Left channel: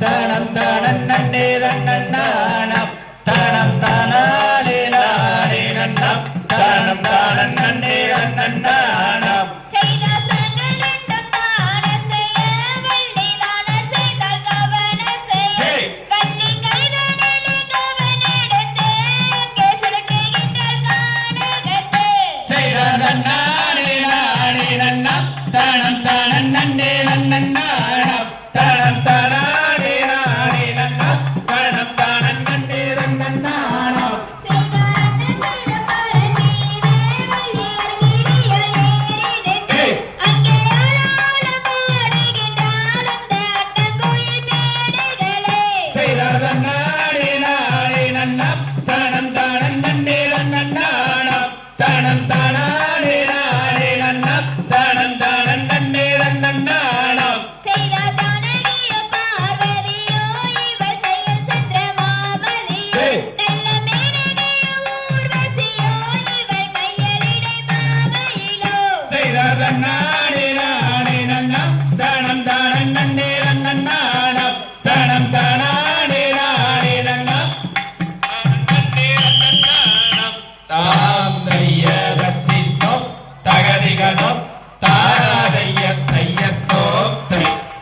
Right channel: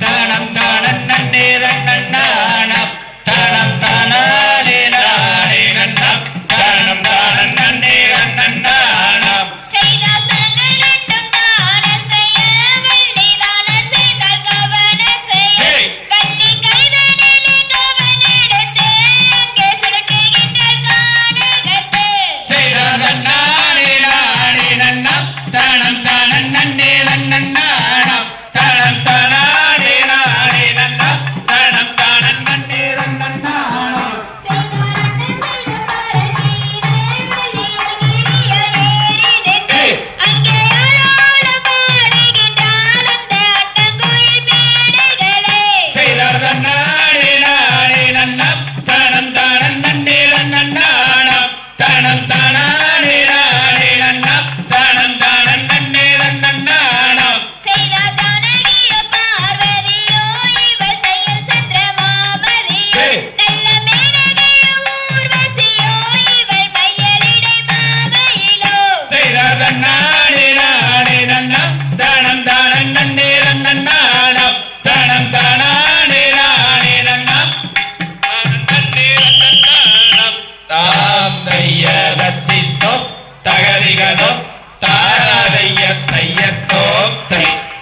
தனம்